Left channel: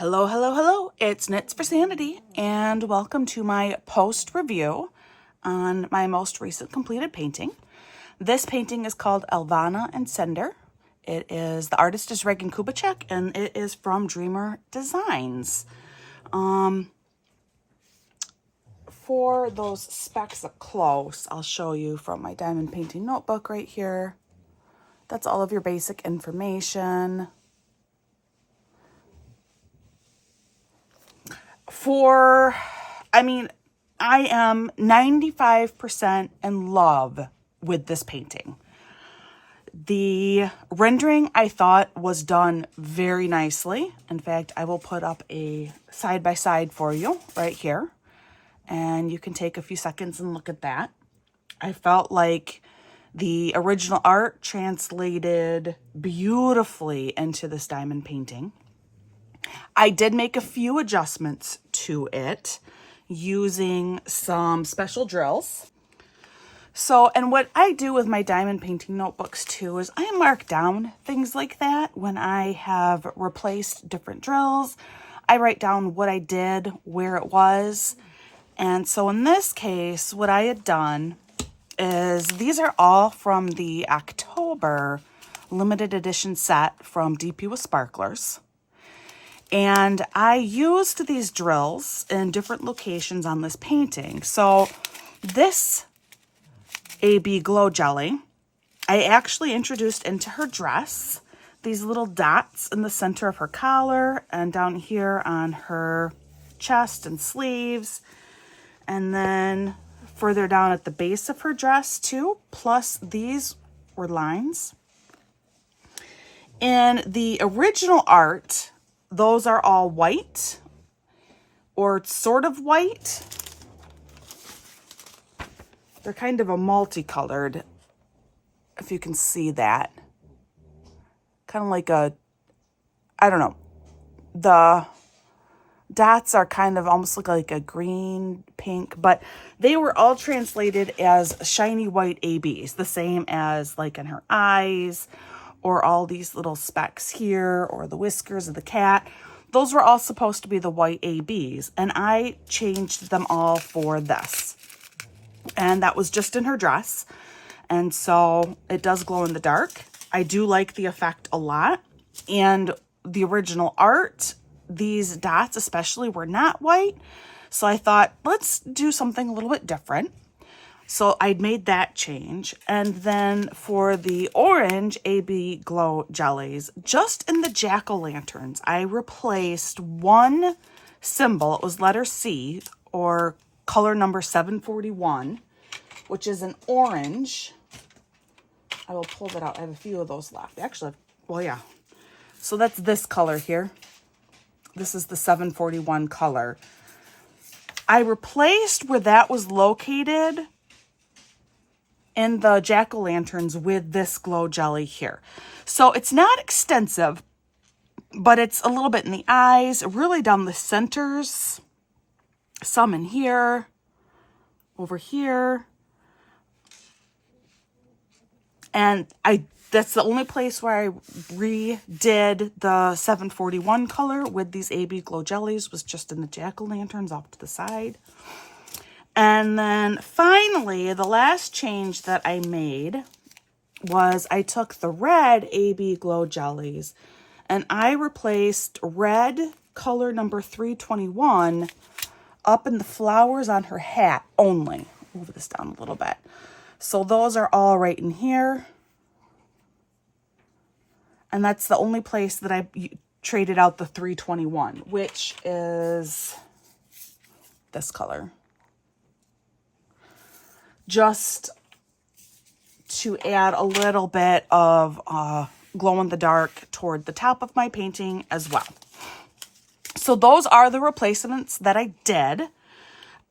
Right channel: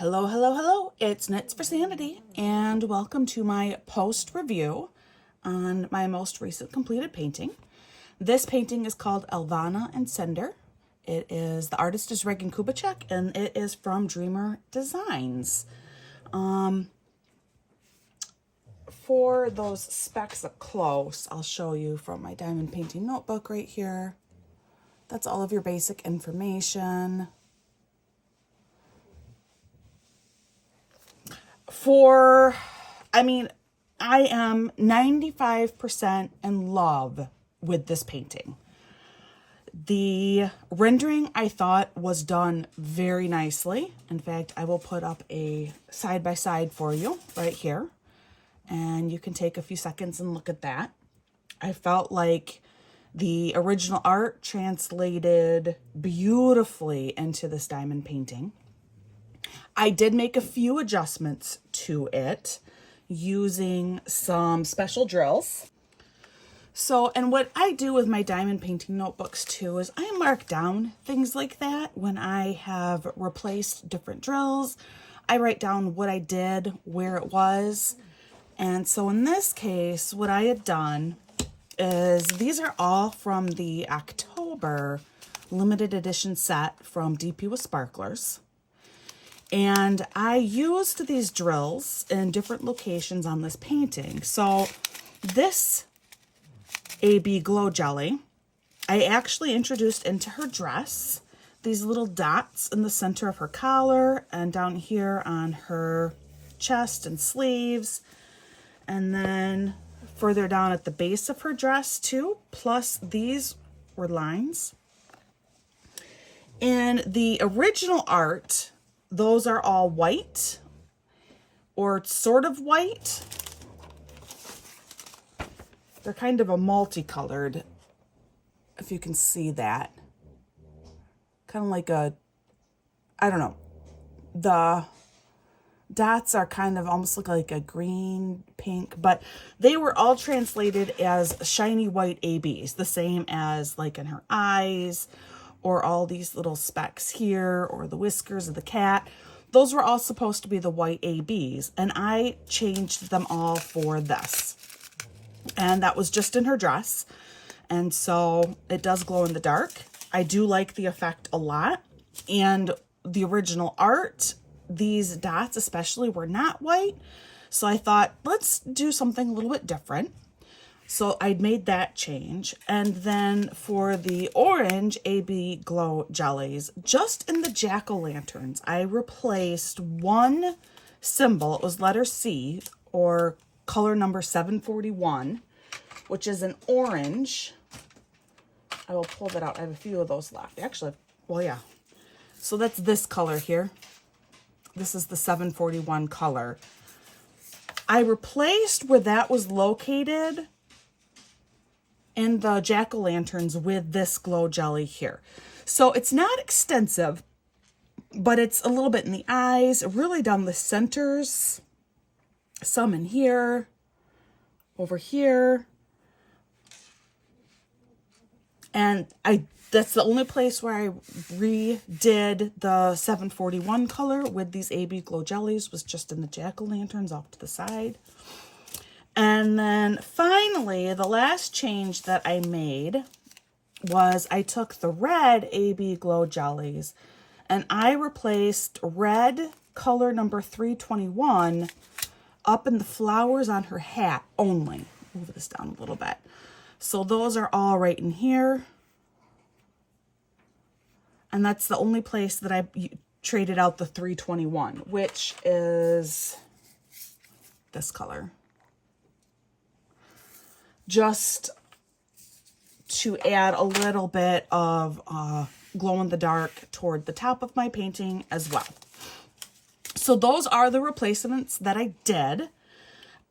Hello, hello, hello. It's Knits for Sanity, and welcome to my post review on my most recent completed painting. This painting is called Elvanna and Cinder. The artist is Regan Kubecek, and it is from Dreamer Designs. For those specs up close, I'll show you from my diamond painting notebook right here. That's all of your basic information. I am 95% in love with this painting. The rendering, I thought, was done very nicely. In fact, I will put up a side-by-side for you right here, and you can take a few seconds and look at that. I felt like the original art translated beautifully into this diamond painting. I did make a few adjustments to it using some special drills. And what I do with my diamond painting notebooks too is I mark down things like that when I have replaced different drills. I write down what I did, where it was. And so in this case, what I had done is these are all from the October limited edition set from DP with Sparklers. And I used these drills in different locations on this painting. So this AB Glow Jelly, I actually introduced into her dress. These little dots in the center of her collar and down here on her chest and sleeves. And then further down at the base of her dress too. Plus these were lines. In the original art, those are all white or sort of white. They're kind of a multicolored, if you can see that. Kind of like I don't know. The dots are kind of almost look like a green, pink, but they were all translated as shiny white ABs, the same as like in her eyes, or all these little specks here, or the whiskers of the cat. Those were all supposed to be the white ABs, and I changed them all for this. And that was just in her dress, and so it does glow in the dark. I do like the effect a lot, and the original art, these dots especially, were not white, so I thought, let's do something a little bit different. So I made that change. And then for the orange AB Glow Jellies, just in the jack-o'-lanterns, I replaced one symbol. It was letter C, or color number 741, which is an orange. I will pull that out. I have a few of those left. Actually, well, yeah. So that's this color here. This is the 741 color. I replaced where that was located in the jack-o'-lanterns with this glow jelly here. So it's not extensive, but it's a little bit in the eyes, really down the centers, some in here, over here. And that's the only place where I redid the 741 color with these AB Glow Jellies, was just in the jack-o'-lanterns off to the side. And then finally, the last change that I made was I took the red AB Glow Jellies and I replaced red color number 321 up in the flowers on her hat only. Move this down a little bit. So those are all right in here. And that's the only place that I traded out the 321, which is this color. Just to add a little bit of glow in the dark toward the top of my painting as well. So those are the replacements that I did.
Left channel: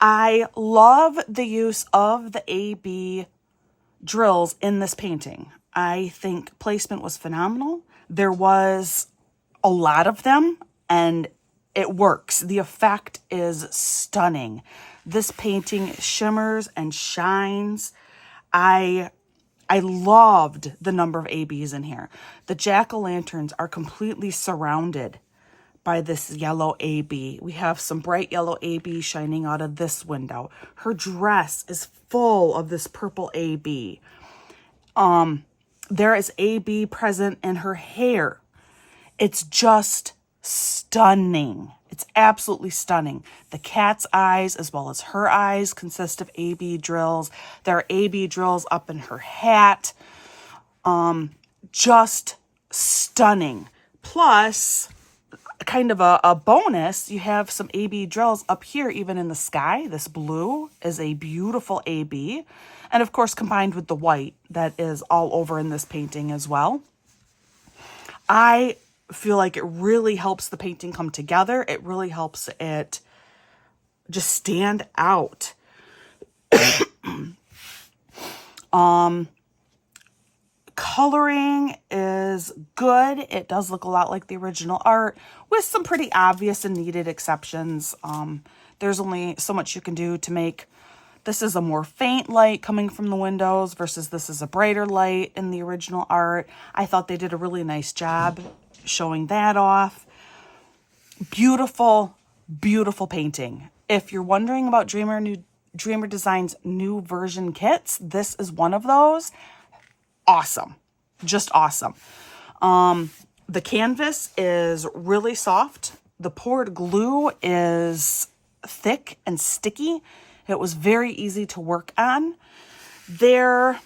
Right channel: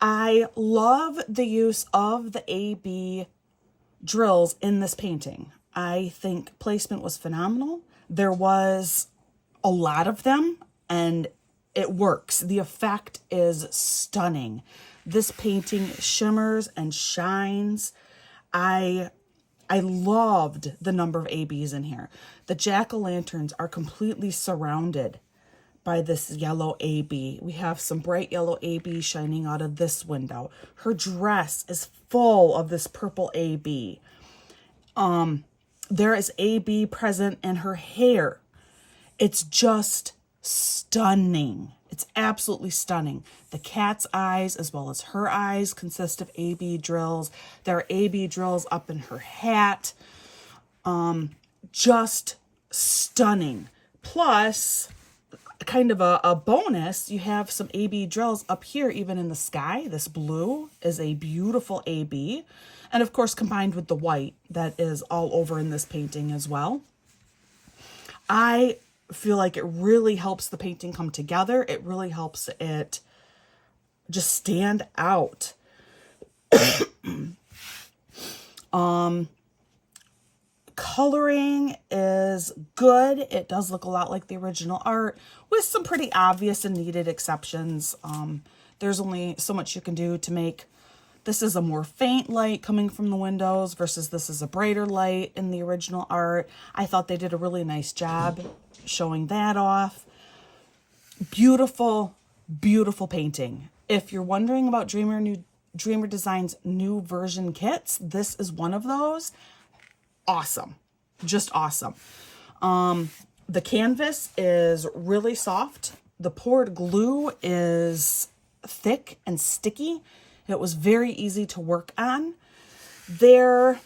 I love the use of the AB drills in this painting. I think placement was phenomenal. There was a lot of them, and it works. The effect is stunning. This painting shimmers and shines. I loved the number of ABs in here. The jack-o'-lanterns are completely surrounded by this yellow AB. We have some bright yellow AB shining out of this window. Her dress is full of this purple AB. There is AB present in her hair. It's just stunning. It's absolutely stunning. The cat's eyes as well as her eyes consist of AB drills. There are AB drills up in her hat. Just stunning. Plus, kind of a bonus, you have some AB drills up here, even in the sky. This blue is a beautiful AB. And of course, combined with the white that is all over in this painting as well. I feel like it really helps the painting come together. It really helps it just stand out. Coloring is good. It does look a lot like the original art with some pretty obvious and needed exceptions. There's only so much you can do to make this is a more faint light coming from the windows versus this is a brighter light in the original art. I thought they did a really nice job showing that off. Beautiful, beautiful painting. If you're wondering about Dreamer Design's new version kits, this is one of those. Awesome. Just awesome. The canvas is really soft. The poured glue is thick and sticky. It was very easy to work on. There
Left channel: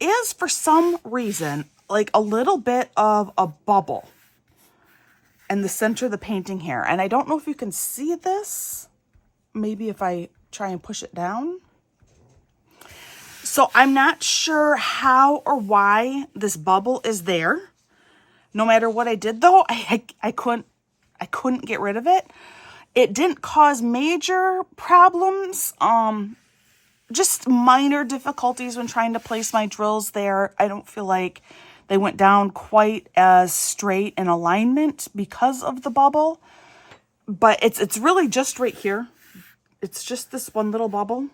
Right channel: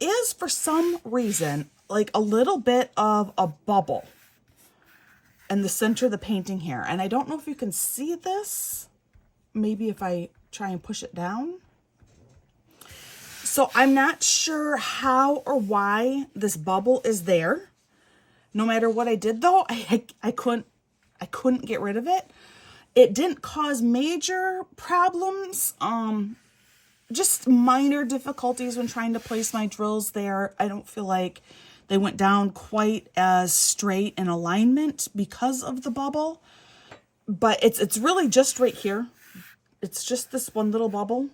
is, for some reason, like a little bit of a bubble in the center of the painting here. And I don't know if you can see this. Maybe if I try and push it down. So I'm not sure how or why this bubble is there. No matter what I did though, I couldn't get rid of it. It didn't cause major problems. Just minor difficulties when trying to place my drills there. I don't feel like they went down quite as straight in alignment because of the bubble. But it's really just right here. It's just this one little bubble.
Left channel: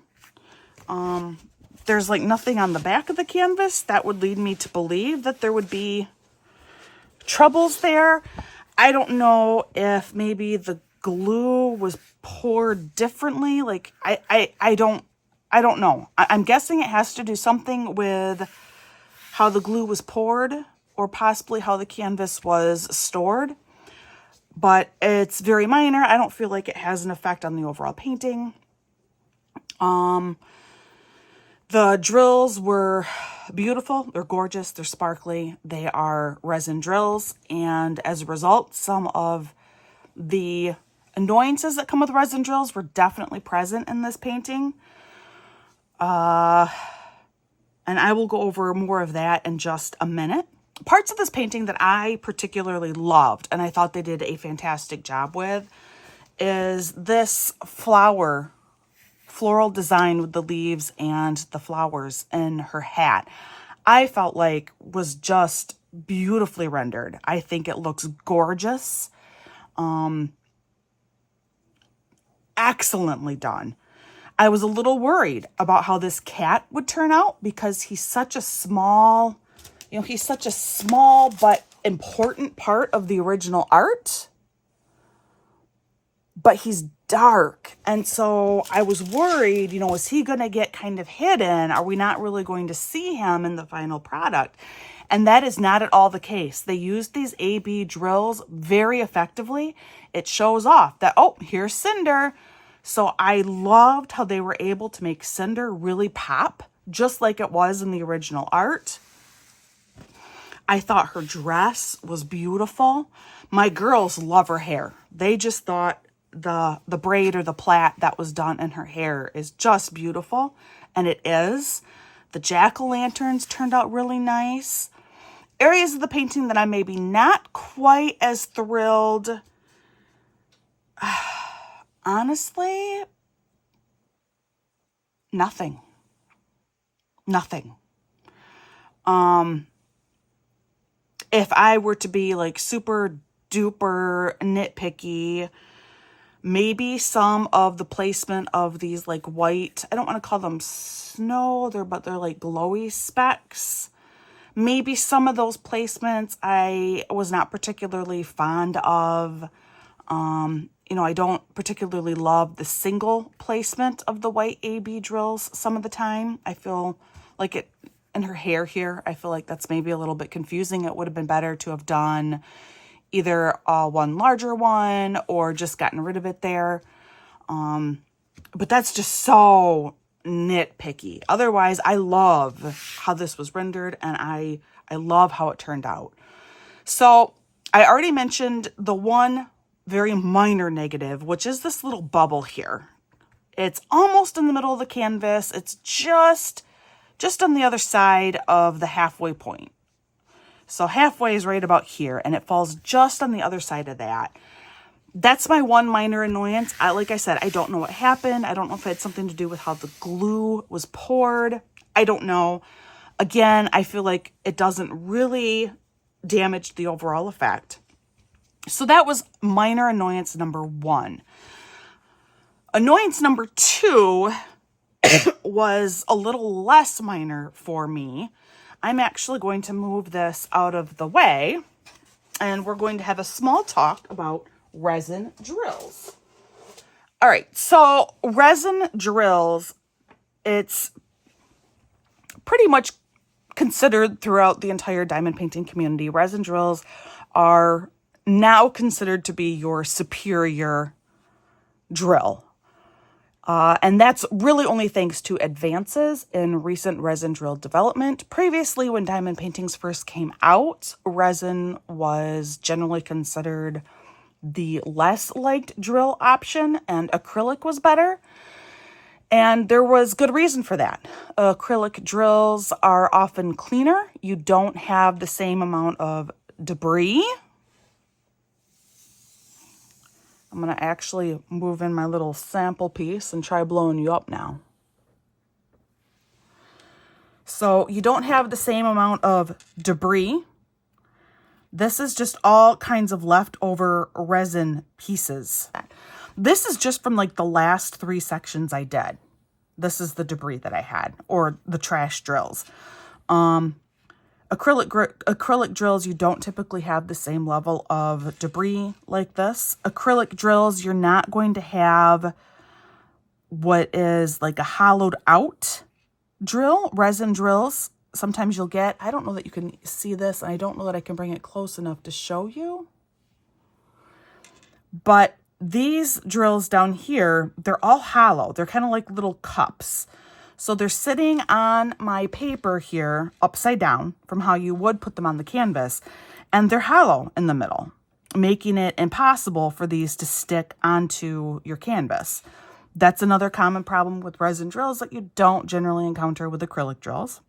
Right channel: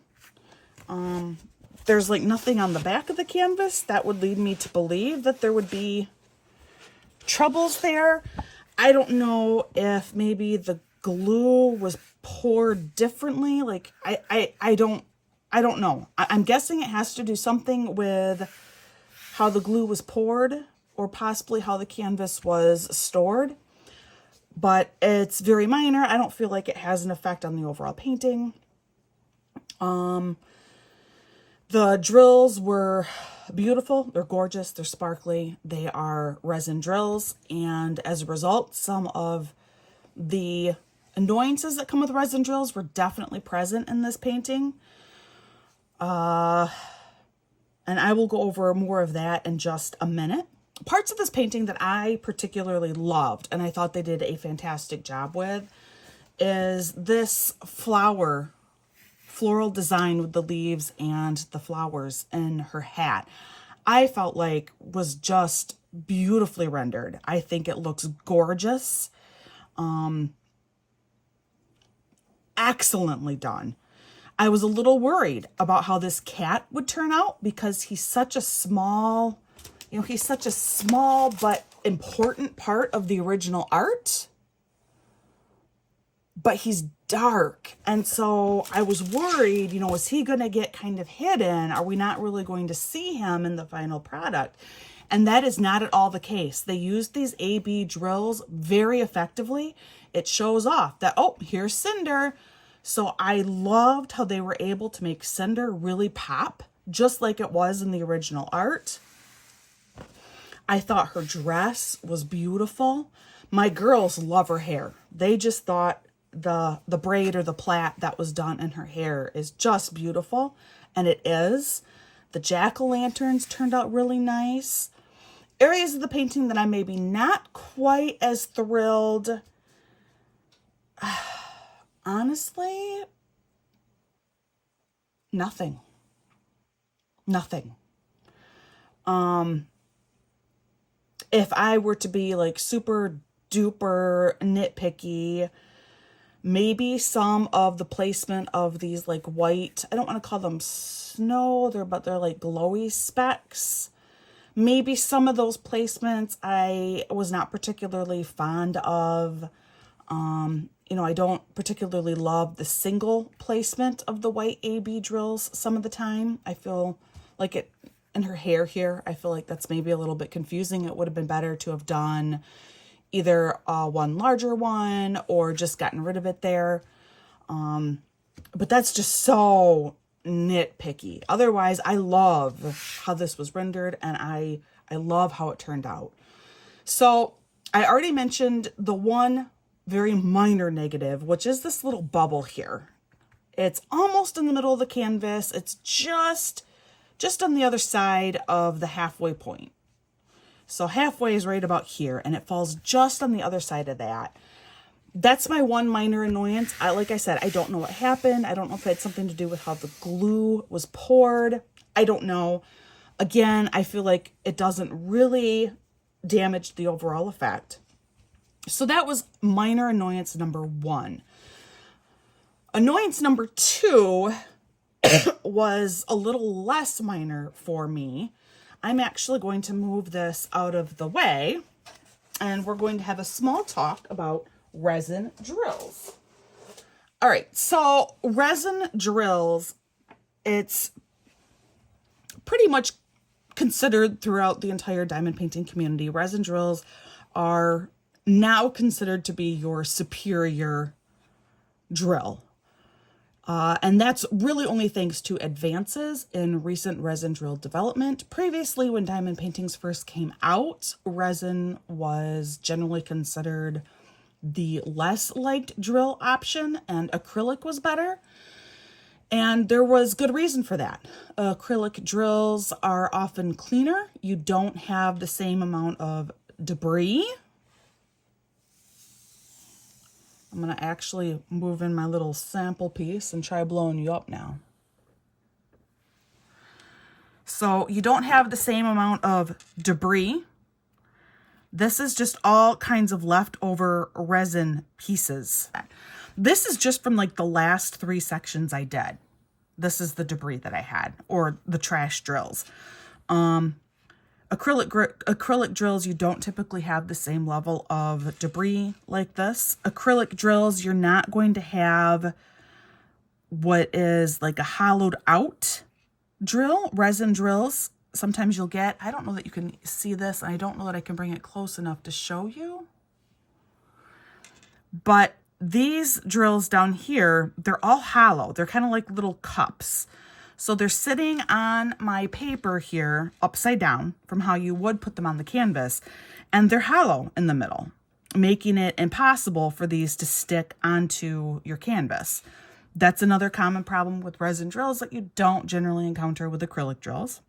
There's like nothing on the back of the canvas that would lead me to believe that there would be troubles there. I don't know if maybe the glue was poured differently. Like I don't know. I'm guessing it has to do something with how the glue was poured or possibly how the canvas was stored. But it's very minor. I don't feel like it has an effect on the overall painting. The drills were beautiful. They're gorgeous. They're sparkly. They are resin drills. And as a result, some of the annoyances that come with resin drills were definitely present in this painting. And I will go over more of that in just a minute. Parts of this painting that I particularly loved, and I thought they did a fantastic job with, is this floral design with the leaves and the flowers in her hat. I felt like was just beautifully rendered. I think it looks gorgeous. Excellently done. I was a little worried about how this cat would turn out because he's such a small, he's such a small but important part of the original art. But he's dark. And so I was worried, is he going to get kind of hidden? Are we not really going to see him in the final product? And that is not at all the case. They used these AB drills very effectively. It shows off that, oh, here's Cinder. So I loved how they were able to make Cinder really pop, just like it was in the original art. I thought her dress was beautiful. My girls love her hair. They just thought the braid or the plait that was done in her hair is just beautiful, and it is. The jack-o'-lanterns turned out really nice. Areas of the painting that I maybe not quite as thrilled, honestly, nothing. If I were to be like super duper nitpicky, maybe some of the placement of these like white, I don't want to call them snow, but they're like glowy specks. Maybe some of those placements I was not particularly fond of. You know, I don't particularly love the single placement of the white AB drills some of the time. I feel like it, and her hair here, I feel like that's maybe a little bit confusing. It would have been better to have done either one larger one or just gotten rid of it there. But that's just so nitpicky. Otherwise, I love how this was rendered, and I love how it turned out. So I already mentioned the one very minor negative, which is this little bubble here. It's almost in the middle of the canvas. It's just on the other side of the halfway point. So halfway is right about here, and it falls just on the other side of that. That's my one minor annoyance. Like I said, I don't know what happened. I don't know if it had something to do with how the glue was poured. I don't know. Again, I feel like it doesn't really damage the overall effect. So that was minor annoyance number one. Annoyance number two was a little less minor for me. I'm actually going to move this out of the way, and we're going to have a small talk about resin drills. All right, so resin drills, it's pretty much considered throughout the entire diamond painting community. Resin drills are now considered to be your superior drill. And that's really only thanks to advances in recent resin drill development. Previously, when diamond paintings first came out, resin was generally considered the less liked drill option, and acrylic was better. And there was good reason for that. Acrylic drills are often cleaner. You don't have the same amount of debris. I'm going to actually move in my little sample piece and try blowing you up now. So you don't have the same amount of debris. This is just all kinds of leftover resin pieces. This is just from like the last 3 sections I did. This is the debris that I had, or the trash drills. Acrylic drills, you don't typically have the same level of debris like this. Acrylic drills, you're not going to have what is like a hollowed out drill. Resin drills, sometimes you'll get, I don't know that you can see this, and I don't know that I can bring it close enough to show you. But these drills down here, they're all hollow. They're kind of like little cups. So they're sitting on my paper here upside down from how you would put them on the canvas, and they're hollow in the middle, making it impossible for these to stick onto your canvas. That's another common problem with resin drills that you don't generally encounter with acrylic drills.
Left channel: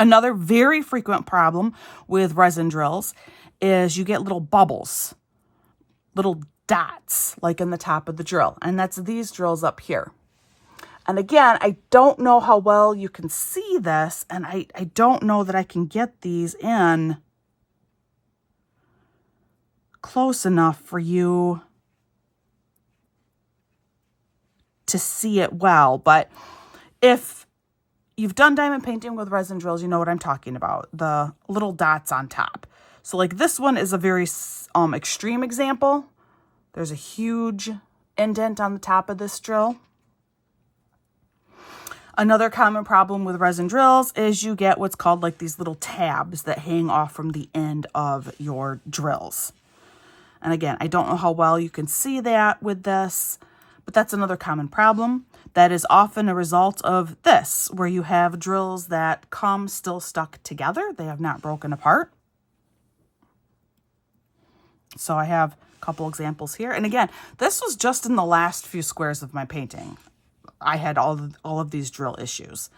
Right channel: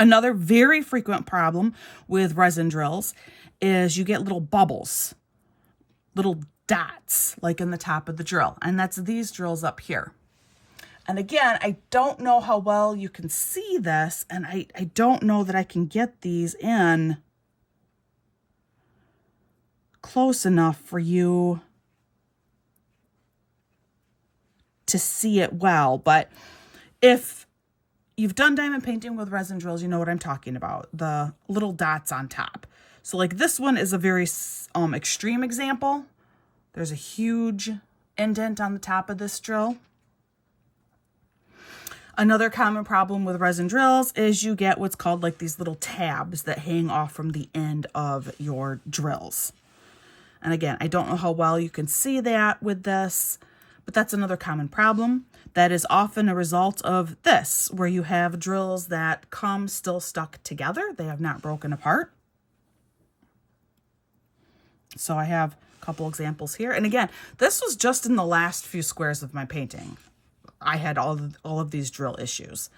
Another very frequent problem with resin drills is you get little bubbles, little dots like in the top of the drill, and that's these drills up here. And again, I don't know how well you can see this, and I don't know that I can get these in close enough for you to see it well. But if you've done diamond painting with resin drills, you know what I'm talking about, the little dots on top. So like this one is a very extreme example. There's a huge indent on the top of this drill. Another common problem with resin drills is you get what's called like these little tabs that hang off from the end of your drills. And again, I don't know how well you can see that with this, but that's another common problem. That is often a result of this, where you have drills that come still stuck together. They have not broken apart. So I have a couple examples here. And again, this was just in the last few squares of my painting. I had all of these drill issues.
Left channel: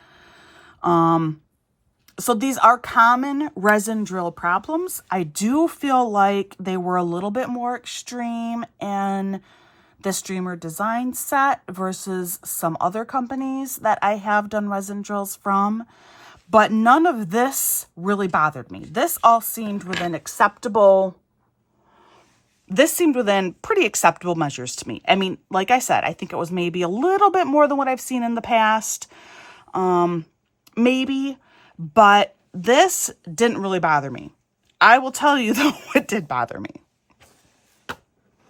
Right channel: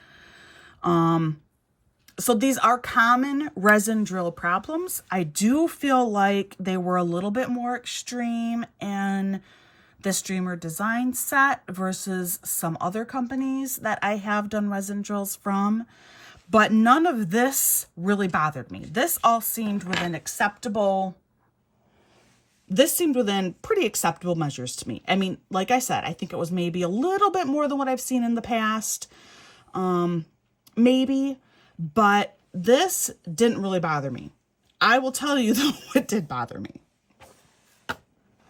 So these are common resin drill problems. I do feel like they were a little bit more extreme in this Dreamer design set versus some other companies that I have done resin drills from. But none of this really bothered me. This all seemed within acceptable. This seemed within pretty acceptable measures to me. I mean, like I said, I think it was maybe a little bit more than what I've seen in the past. Maybe, but this didn't really bother me. I will tell you though, it did bother me.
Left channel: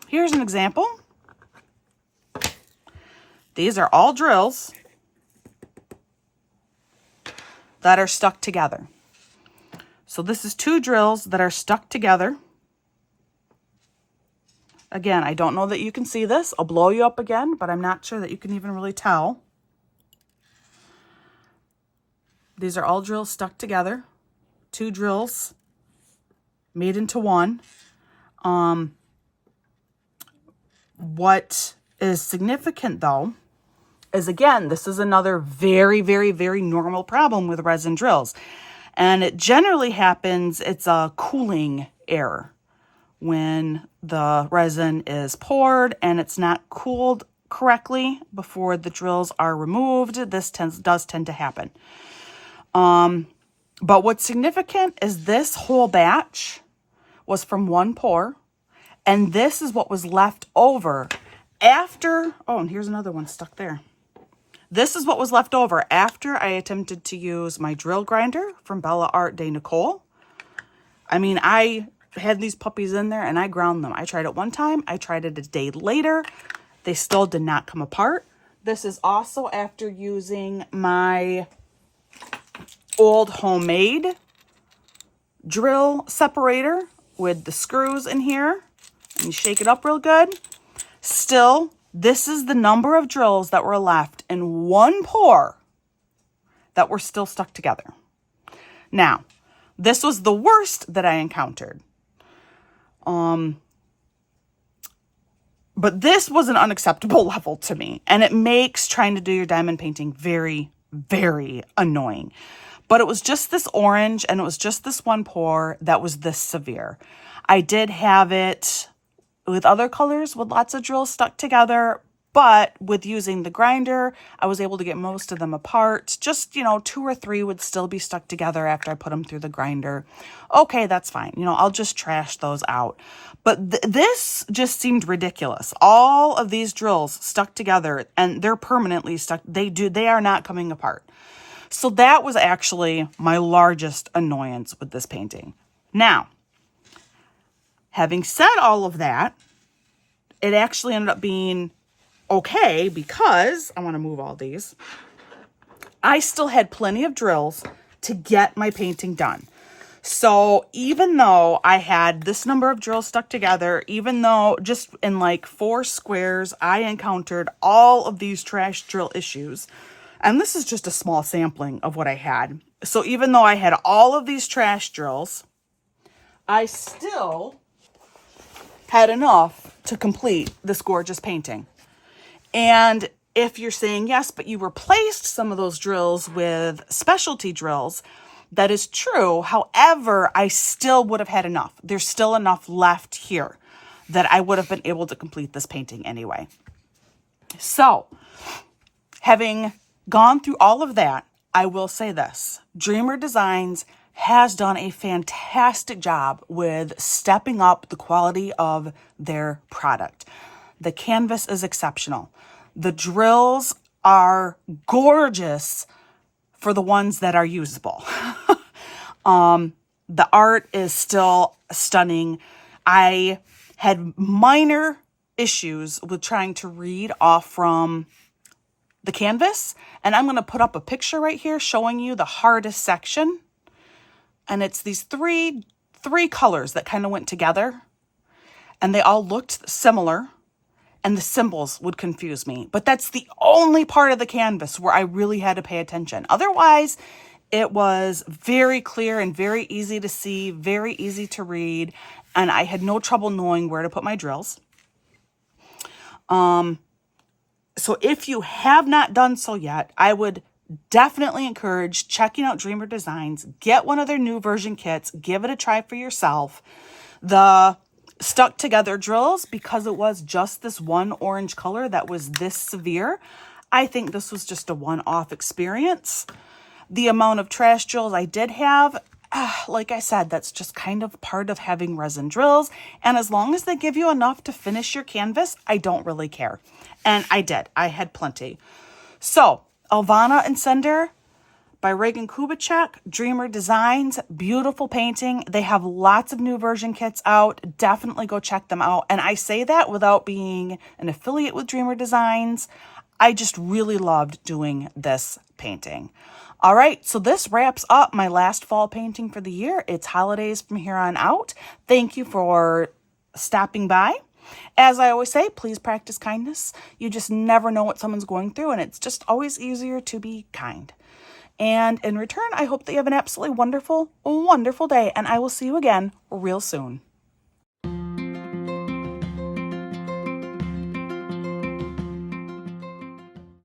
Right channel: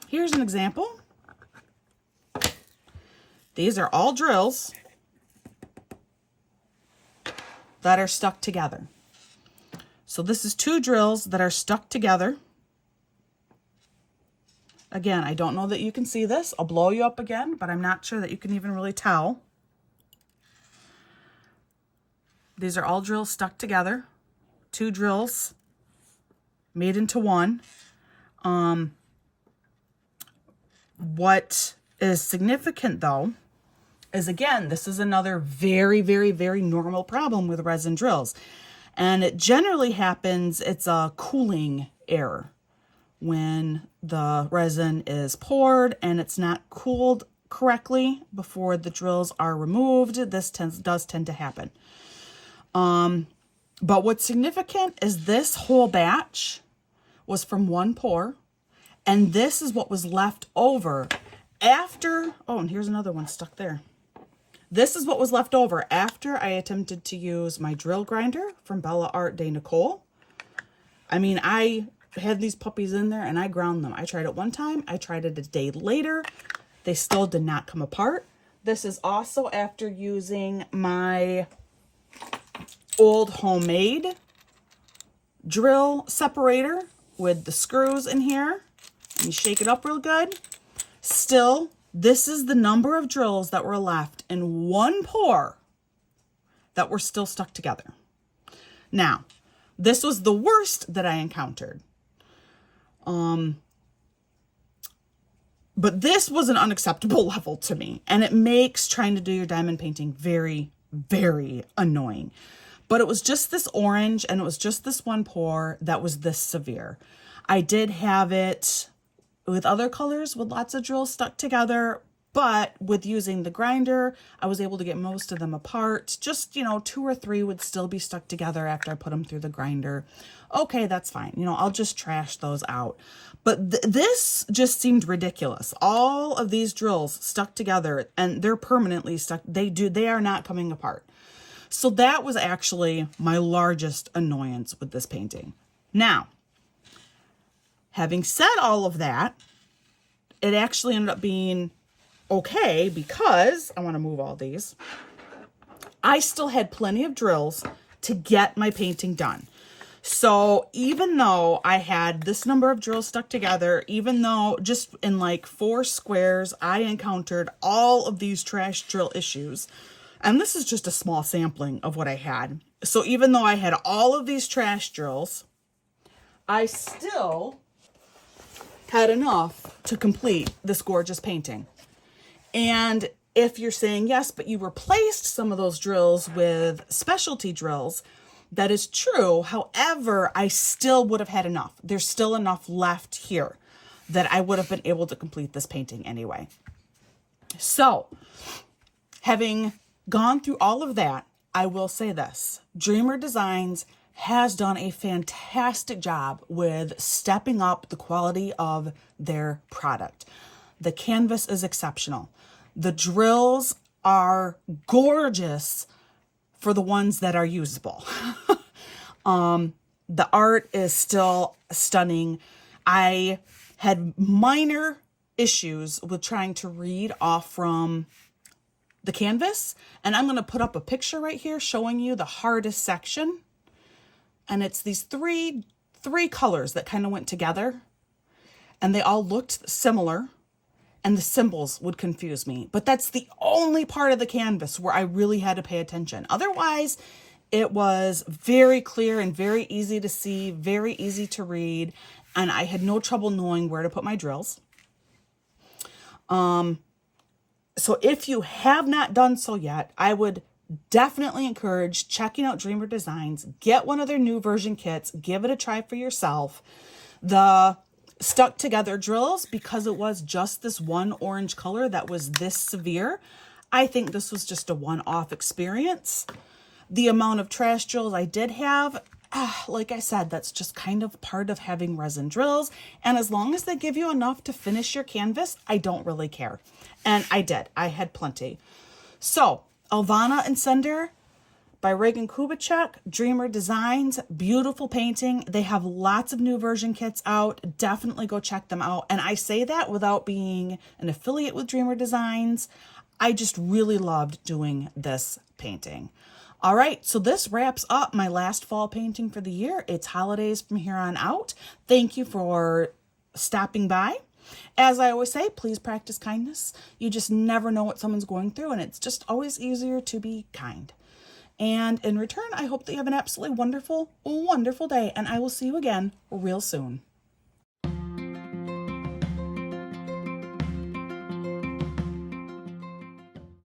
Here's an example. These are all drills that are stuck together. So this is 2 drills that are stuck together. Again, I don't know that you can see this. I'll blow you up again, but I'm not sure that you can even really tell. These are all drills stuck together. 2 drills made into one. What is significant though is, again, this is another very, very, very normal problem with resin drills. And it generally happens, it's a cooling error. When the resin is poured and it's not cooled correctly before the drills are removed, this does tend to happen. But what's significant is this whole batch was from one pour, and this is what was left over after, oh, and here's another one stuck there. This is what was left over after I attempted to use my drill grinder from Bella Art de Nicole. I mean, I had these puppies in there and I ground them. I tried it one time. I tried it a day later. They still did not come apart. This is also after using my old homemade drill separator with the screws in here. And you shake it up real good. Still, this is the number of drills that were left in one pour that were still stuck together. Now, this was the worst that I encountered. But this was an unacceptable level to me, and it makes trying to do your diamond painting very, very annoying. But it was just this orange, and it was just this one pour that was this severe. I did have it with other colors with lots of drills stuck together, but with using the grinder, I was able to get most of them apart. Just, 2 or 3 would still be stuck together after I put them through the grinder. Okay, that's fine. I'll just trash those out. But this just seemed ridiculous. All of these drills stuck together, and they're permanently stuck. They are not coming apart. So that was actually my largest annoyance with this painting. Now, having said all of that, it actually ended up being okay because, I want to move all these, I still had plenty of drills to get my painting done. So even though I had this number of drills stuck together, even though just in like 4 squares, I encountered all of these trash drill issues, and this is just a small sampling of what I had. So even though I had all of these trash drills, I still had enough to complete this gorgeous painting. And if you're saying, yes, but you replaced some of those drills with specialty drills, that is true. However, I still would have had enough. There's still enough left here that I would have been able to complete this painting anyway. So, having gone through all of that, I will say this. Dreamer Designs has done a fantastic job with stepping up the quality of their product. The canvas is exceptional. The drills are gorgeous for the ones that are usable. The art is still stunning. I had minor issues with trying to read off from the canvas, and I'm going to put up a picture right here showing you the hardest section. And it's these three colors that kind of went together, and they all looked similar, and the symbols would confuse me. But that's the only part of the canvas where I really had to pay attention. Otherwise, it was very clear and very easy to see, very easy to read, and I had no trouble knowing where to put my drills. So if you have not done so yet, I would definitely encourage checking out Dreamer Designs. Get one of their new version kits. Give it a try for yourself. The stuck together drills, because it was just this one orange color that was this severe, I think this was just a one-off experience. The amount of trash drills I did have, like I said, that's just kind of part of having resin drills. And as long as they give you enough to finish your canvas, I don't really care. And I did. I had plenty. So, Elvanna and Cinder, by Regan Kubecek, Dreamer Designs. Beautiful painting. They have lots of new version kits out. Definitely go check them out. And I say that without being an affiliate with Dreamer Designs. I just really loved doing this painting. All right, so this wraps up my last fall painting for the year. It's holidays from here on out. Thank you for stopping by. As I always say, please practice kindness. You just never know what someone's going through, and it's just always easier to be kind. And in return, I hope that you have an absolutely wonderful, wonderful day, and I will see you again real soon.